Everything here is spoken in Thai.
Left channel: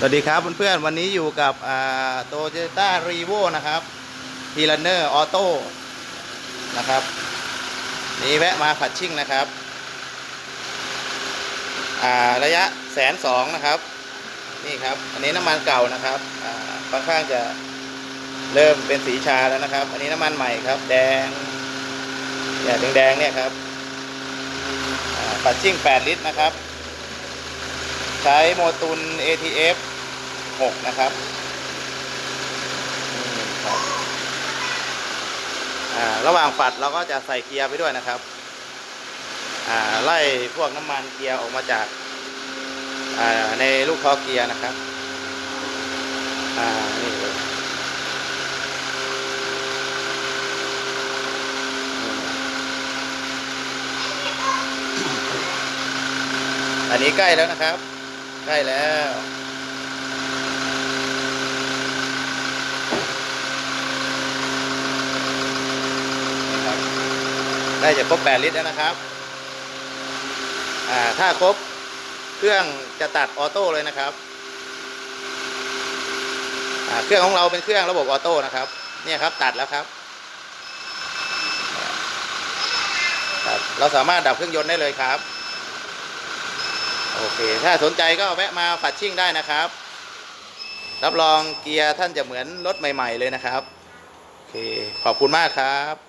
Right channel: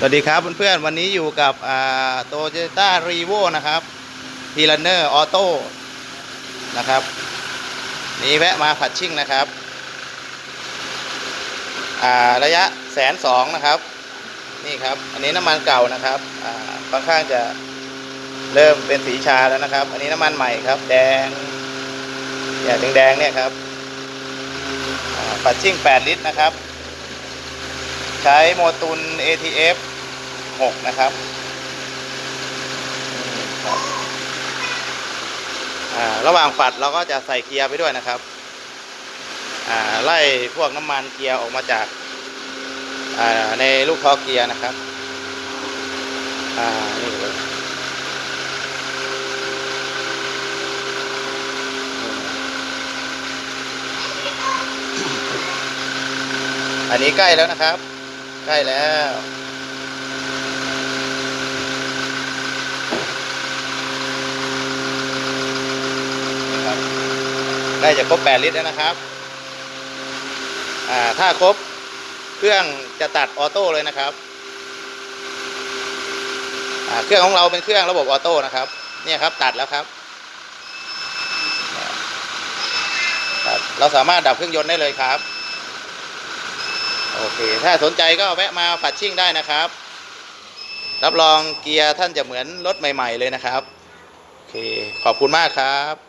สวัสดีครับเพื่อนๆวันนี้อยู่กับโตโยต้ารีโวนะครับพีลันเนอร์ออโต้นะครับ นี่แวะมาผัดชิ่งนะครับระยะแสนสองนะครับ นี่ครับ อันนี้น้ำมันเก่านะครับอ่าค่อนข้างจะเริ่มเป็นสีชาแล้วนะครับ อันนี้น้ำมันใหม่ครับ แดงเนี่ยแดงเนี่ยครับผัดชิ่ง 8 ลิตรนะครับ ใช้โมตุน ATF 6 นะครับครับอ่าระหว่างฝัดเราก็จะใส่เกียร์ไปด้วยนะครับอ่าไล่พวกน้ำมันเกียร์ออกมาจากอ่าในลูกคอเกียร์นะครับอ่านี่เลยอันนี้ใกล้แล้วนะครับ ใกล้แล้วนะครับได้จะครบ 8 ลิตรแล้วนะครับ อ่า ถ้าครบ เครื่องจะตัดออโต้เลยนะครับ อ่า เครื่องของเราเป็นเครื่องระบบออโต้นะครับ เนี่ยครับตัดแล้วครับครับ เราสามารถดับเครื่องยนต์ได้เลยครับ โอเค ถ้าสนใจก็แวะมาฝัดชิ่งได้นะครับ รับรองเกียร์ท่านจะเหมือนรถใหม่ ๆ เลยนะครับ โอเค ขอบคุณมากครับ